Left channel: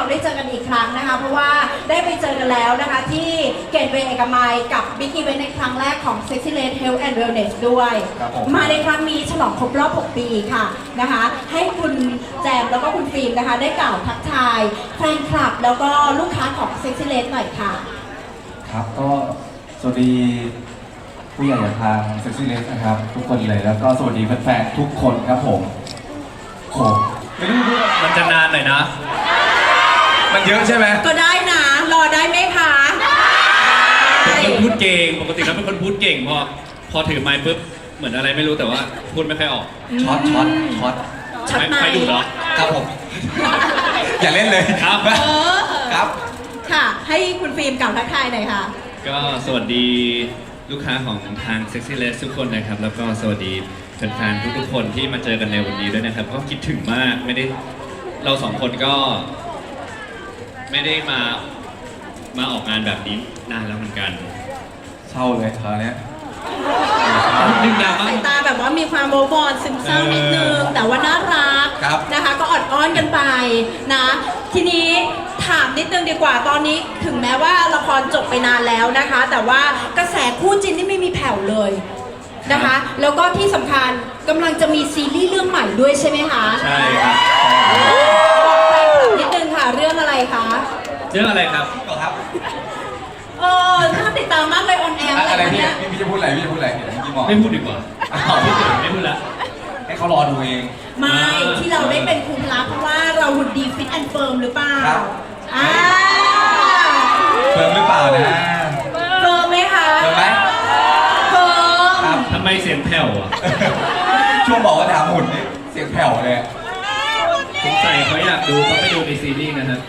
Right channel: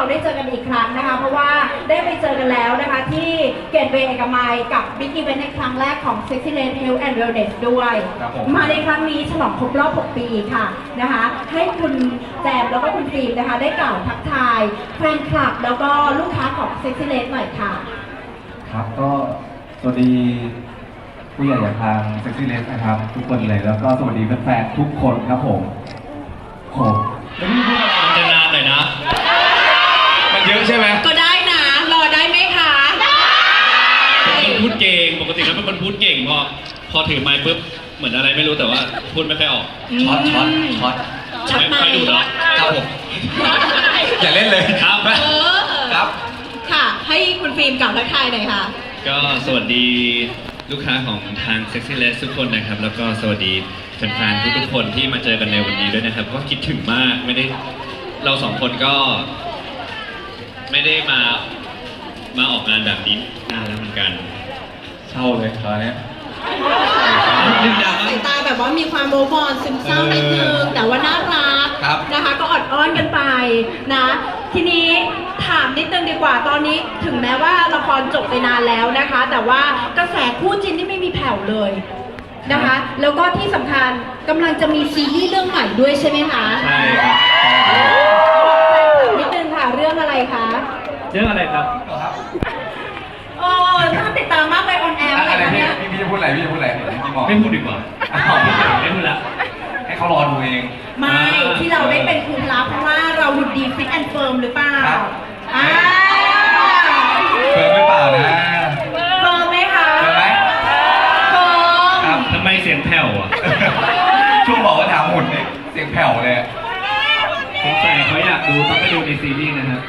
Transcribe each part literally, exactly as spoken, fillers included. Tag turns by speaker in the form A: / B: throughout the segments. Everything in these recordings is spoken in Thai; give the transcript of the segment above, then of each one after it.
A: ได้เจอกันอีกครั้งนะคะเพราะว่าได้ไปเจอกันแล้วนะคะที่เกตเวย์เอกมัยกับบิ๊กอีเวนต์ในครั้งแรกของ Sexy Lady Health and Wellness ด้วยมาในครั้งนี้ฉลองครบรอบหกปีค่ะนะคะให้คุณแจมแล้วก็คุณฟิล์มนะคะได้กล่าวทักทายแฟนคลับแล้วก็ลูกค้าของ Sexy Lady หน่อยค่ะ
B: ครับก็สวัสดีผู้ใหญ่จากทาง Sexy Lady นะครับทุกคนเลยแล้วก็สวัสดีแฟนๆทุกคนครับผมผม
C: ไม่รู้ว่ามันจะนานหน่อยนะ
B: มันเยอะใช่ไหม
A: ก็ได้นะรอได้ไหมคะ
C: เป็นคนพูดเก่งปกติแล้วเป็นคนพูดเก่งพอพอถือไมค์ปุ๊บเหมือนอะไรไม่รู้แต่ว่าพูดไม่ค่อยออก
B: ช็อตช็อตช็อต
A: ช็อตไมค์
C: ใครดูเหรอ
B: ครับผมอย่าเล่นเลย
C: ครับ
B: ครับ
A: ค่ะให้คุณฟิล์มกล่าวทักทายหน่อยค่ะ
C: ก็สวัสดีลูกค้าของทาง Sexy Lady ทุกคนนะครับแล้วก็สวัสดีแฟนๆทุกๆคนที่มาเจอกันในวันนี้ด้วยนะครับก็คิดถึงมากไม่ได้เราสองคนก็ไม่ได้มามาออกงานแบบนี้นานแล้วเหมือนกัน
B: เศร้าเลยคราวนี้
A: ดึงดาวสายตาแบบว่ามีความโมบอนซึมเศร้านิดนึงแต่ว่าน่ารักนะคะก็อดอ้อนกันไปนะทีนี้ถามนิดนึงดีกว่าตอนนี้ถึงแม้ว่าละครจบไปนานแล้วนะคะแต่ว่ากระแสคู่จิ้นนี่ไม่มีแผ่วเลยนะคะแล้วก็ที่สำคัญกำลังจะมีซีรีส์เรื่องใหม่ด้วยใช่ไหมคะ
C: ใช่ครับ
A: บอกแฟนคลับนิดนึงค่ะเรื่องอะไรคะ
C: เรื่องอะไรครับ
A: เออน่าติดตามมากเลยออนแอร์อะไร
B: เนี่ยพี่จะพูดอะไรพี่จะพูดอะไรพี่มอง
C: ไม่พูดดีกว่าไม่พูดละ
B: ให้เขารอดูเอง
A: ไม่ที่เราได้เป็นครูพละเพราะว่าเราหุ่นดีฟิตแอนด์เฟิร์มหรือเปล่าอ่า
B: เฟิร์มหรือเปล่านะ
A: เฟิร์มไหมคะ
B: เฟิร์มไหม
A: เฟิร์ม
C: ครับทำไมเสียงแผ่วอ่ะ
B: ช่วงบอกว่าถามหุ่นนี่เสียงแผ่วเลย
C: สงสัยเขาอยากดูต้องไปดูในซีรีส์นะฮะ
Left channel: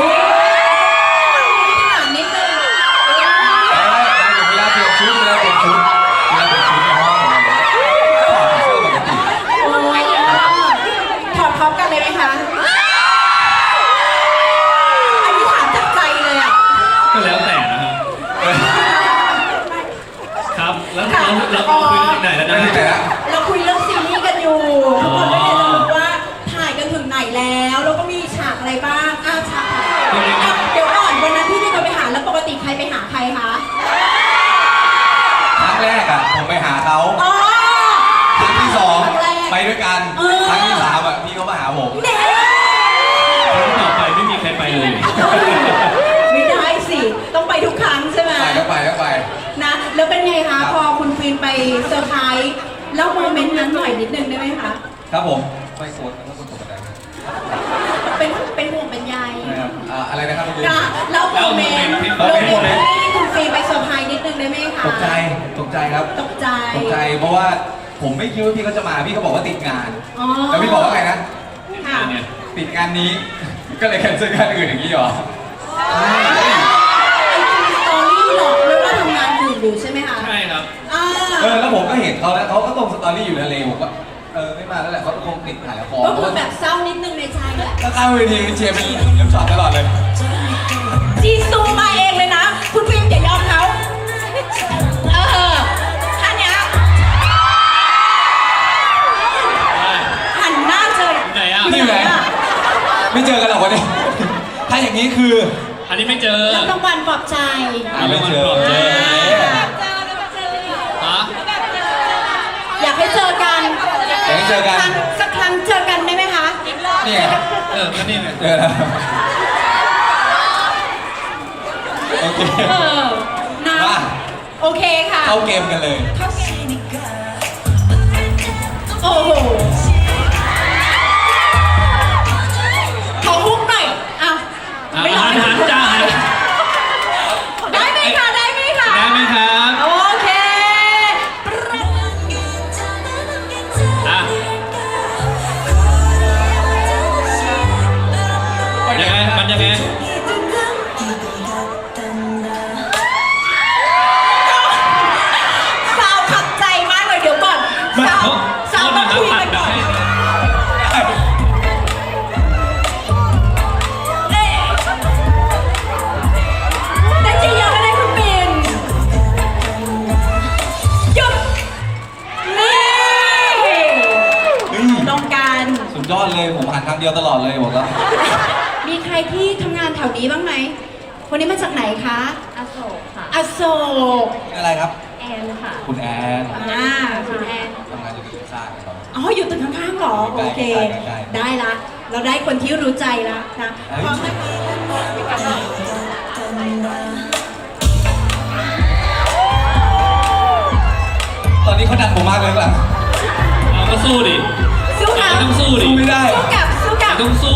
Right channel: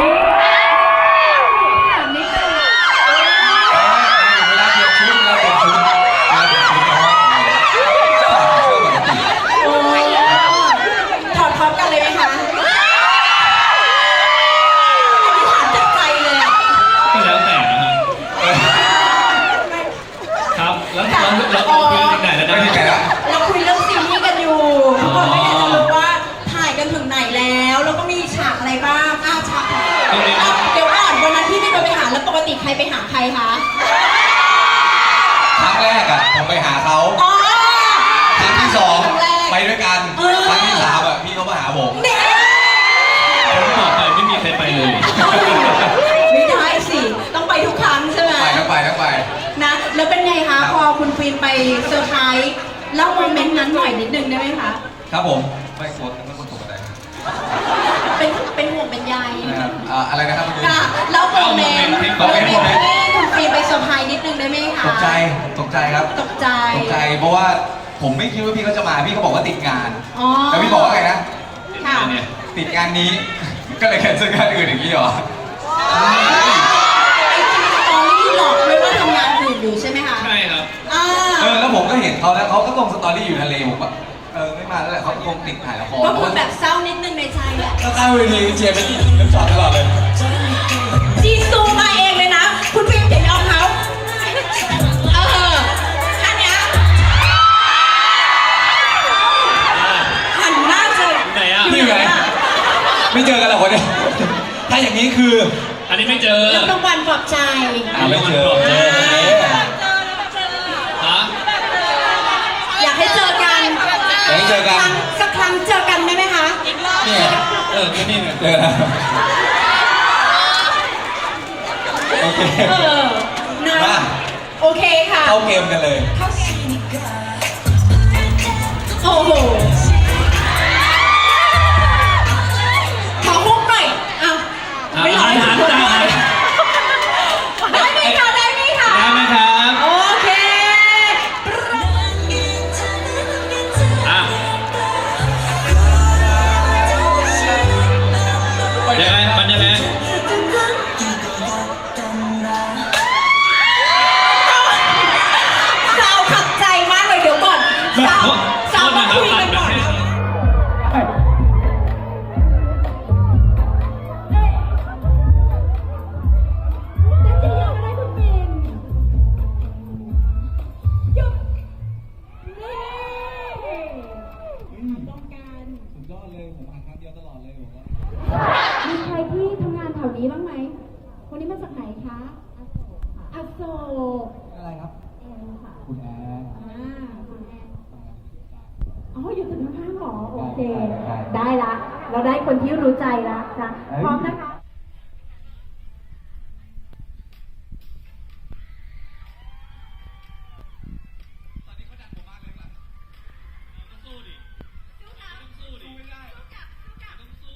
B: เวลาเปลี่ยนชุดเวลาเปลี่ยนชุดเวลาเปลี่ยนชุดในห้องถอดเสื้อปกติ
A: ถอดพร้อมกันเลยไหมคะอันนี้ถามจากใจเลยอ่ะ
C: ก็แล้วแต่นะครับครับแล้วเราเราคุยกันถึงไหนแล้วนะ
A: เราคุยเรื่องซีรีส์กันอยู่ทุกคนก็อยากจะรู้ว่าถ่ายกันถึงไหนแล้วแล้วก็มีฉากอะไรบ้างอ้าวฉากเดี๋ยวก่อนวันนั้นที่พี่ไปหาแล้วปกติใครไปหาใครคะ
B: ครั้งแรกอ่ะผมไปหาเขาครั้งที่สองไปด้วยกันครั้งที่สามอ่ะพี่เขามาหาผม
C: ครั้งต่อไปไม่มีใครไปเลย
A: ไม่ได้สิต้องไปทุกครั้งใช่ไหม
B: ไปต้องไปต้องไป
A: นะแล้วเป็นไงคะพอคุณฟิล์มไปเซอร์ไพรส์เล่าโมเมนต์นั้นหน่อยนิดนึงได้ไหมคะ
B: ครับผมไปสวนแล้วคนตกใจ
A: เป็นเป็นห่วงเป็นใย
B: นะครับอะไรนะครับเมื่อกี้
A: เล่าโมเมนต์ที่คุณฟิล์มไปเซอร์ไพรส์นิดนึงได้ไหมคะ
B: ตกใจตกใจครับ
A: ตกใจ
B: ตกใจเพราะว่าผมไม่คิดว่าพี่เขาจะมาพี่เขาบอกว่าติดงานแล้วพี่บอกว่าไงนะติดงานนี้ก็เลยแคนเซิลงานอื่นอย่างนี้หรอ
A: ไอจีสตอรี่หลอกเลยว่าทำงานอื่นอยู่ใช่ไหมคะ
C: ใช่ครับ
B: เออแล้วผมก็เห็นเขาแล้วเขาก็ลงสตอรี่อยู่ทะเลผมว่าเออไม่มาแล้วแหละเขาคงติดถ่ายละคร
A: ก็คือแบบเศร้านิดนึงในใจแหละ
B: ก็ตั้งเวทีเชียร์เป็นเล่นสดตลอดเลย
A: จีซูมาเองเลยนะคุณฟิล์มอย่ายอมเขาเออท่านเนี้ยหันหน้าเจอ
C: ไหนอ่ะ
B: นี่ไหนไม่เจอกันหรอกวันนี้ถ้าอย่างนี้คือ
C: อันนี้ไม่เจอ
A: แล้วรางวัลปลอบใจ
B: ไม่เจอ
A: อยากให้เจอกัน
B: อยากให้เจอกัน
A: สักครั้งเจอกันได้ไหมคะ
B: เนี่ย
C: เออก็นี่เนี่ย
B: เจอแล้วโอเค
A: เออนะโอเคค่ะ
B: เข้าเกมกันเลย
A: เข้าเกมโอ้โหขอฮุกหน่อยอ่ะไม่หลอกไม่หลอกได้ไหมคะได้ไหมคะ
C: ได้ไหมครับ
A: โอเค
C: อ่ะยังไงมันยังไง
A: สาวขับใจมากเลยเดี๋ยวก่อนสาวสาวมาคุยกันก่ถวๆนี้บ้างไหมคนนี้มาจากไหนคะ
D: อโศกค่ะ
A: อโศก
B: อะไรครับ
D: แอนค่ะ
B: คุณแอน
A: อ่าคุณแอน
B: ทำงานอยู่ที่ข้างครับ
A: อ๋ออยู่ตึกข้างๆเหรอ
B: ใกล้ๆ
A: โอเค
B: ใกล้ๆ
A: ได้ละ เราได้คนที่รู้ใจละนะ
B: เฮ้ย
A: พร้อมไหม
B: ตอนนี้เขาดังผมมากเลยหลัง
C: เราก็สู้ดิ
A: สู้นะ
C: ต้องสู้ดิ
B: สู้ไม่ได้
A: สู้กับสู้กับ
C: ต้องสู้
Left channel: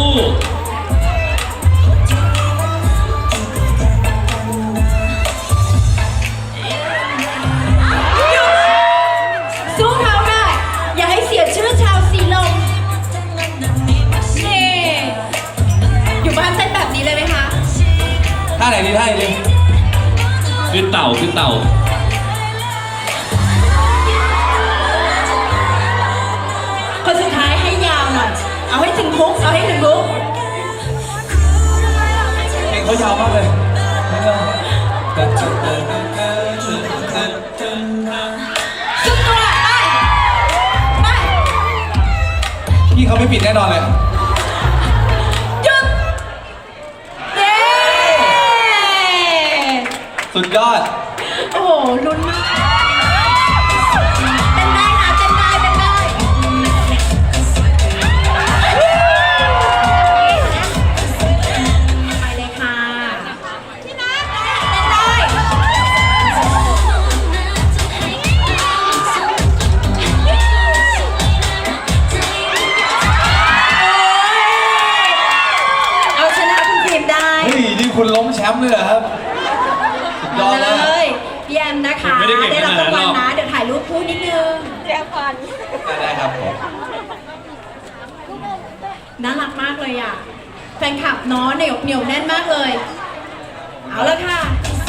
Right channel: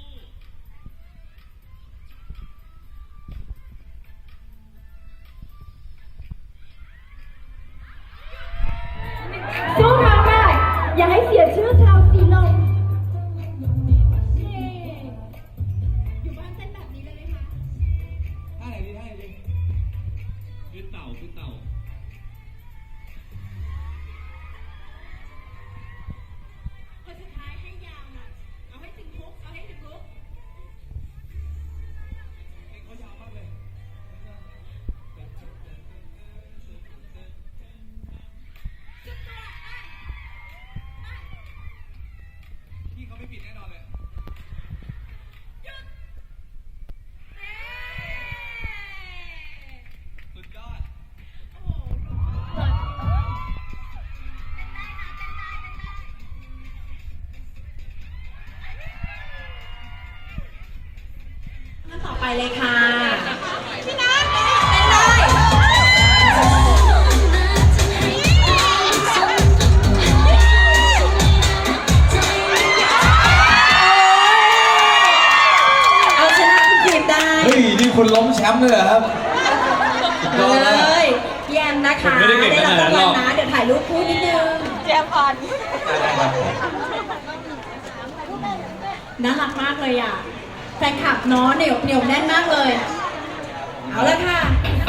A: สู้เขาได้อย่าให้เสียชื่อชาวสีลมนี่อยู่บ้านเต้นแบบนี้เลยไหมคะ
B: ท่าไหนดีท่าไหนดี
C: คือเต่าคือเต่า
A: คนสุดท้ายให้ยาวหน่อย เอาให้ถึงฮุกเอาให้ถึงฮุก
B: เพลงเขายาวมากเลย
A: สุดตัวไปไป
B: พี่เขาไม่ปิดแน่นอนเลย
A: หยุดเย้
B: สุดยอด
A: โอ้โหลุ้นมากเต้นได้นะเต้นได้เต้นได้ไปเลยค่ะพี่นัทเต้นได้เอาชนะคุณทีมได้
B: เฮ้ย นี่คุณล้มแชมป์เลยเหรอครับสุดยอด
A: เล
B: มาก
A: ยพี่แอมนะคะ
C: ผมไม่ได้เก่ง
A: ได้รับรางวัล
C: ขนาดนั้นหรอก
A: นะ เดี๋ยวถ่ายรูปคู่นิดนึง
B: ได้ครับผม
A: น่ารักมากเลยอ่ะ แฟนคลับเน้อะเหนียวเหนียวแน่นมากเลย เอาละค่ะ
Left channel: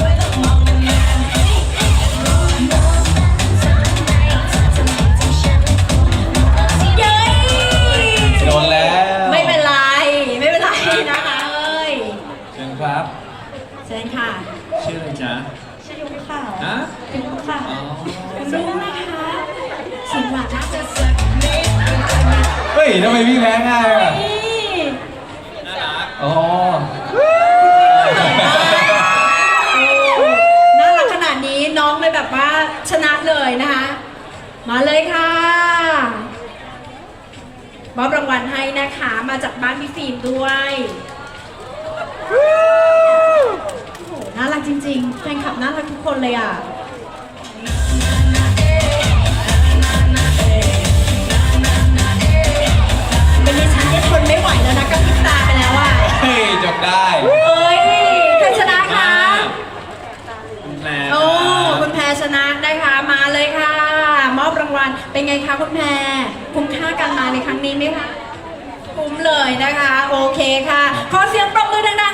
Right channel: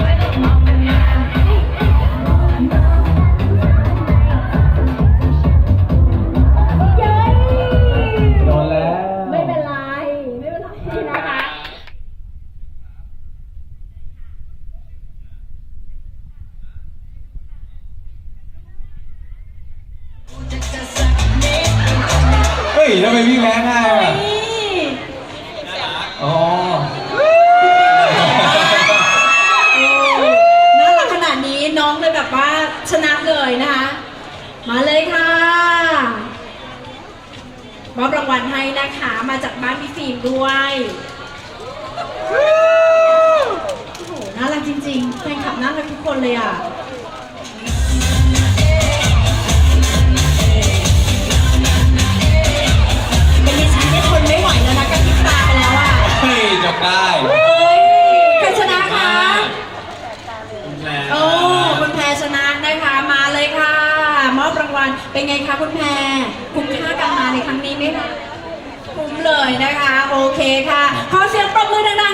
A: เย้ย
B: โดนแล้ว
A: ไม่เป็นไร ไม่เป็นไรนะคะเอ้ย
B: เชิญครับ
A: เชิญค่ะ
C: ชื่ออะไรจ๊ะ
A: ชื่อยุ้งค่ะ
C: ฮะ
A: ยุ้งค่ะ
C: อ๋อ
A: คุณลุงนะคะเสียงหวานน่าจะ
B: เฮ้ยทำไมพี่แพ้ง่ายอ่ะ
A: นี่
B: อ๋อ
A: น่ารักขนาดนี้น้องเลยแบบว่าชนะเลยนะคะ มาเลยค่ะมอบรางวัลให้นะคะมาจากบ้านพี่ฟิล์มด้วยโอ้โหน่ารักจริงๆแฟนคลับน่ารักทุกคนเลยอ่ะเป็นดิฉันเนี่ยทนไม่ไหวแล้วนะกับพริบตาไปแล้วอ่ะ
B: เฮ้ยจบได้
A: เฮ้ยใครชนะคะ
C: คุณแพร
A: โอ้คุณแพรชนะนะคะมาเลยค่ะ มอบรางวัลเป็นไงคะคุณแพรคุ้มค่าการมาในครั้งนี้ไหมคะคุ้มเลยนะคะ โอเคค่ะ ขอเสียงปรบมือดังๆ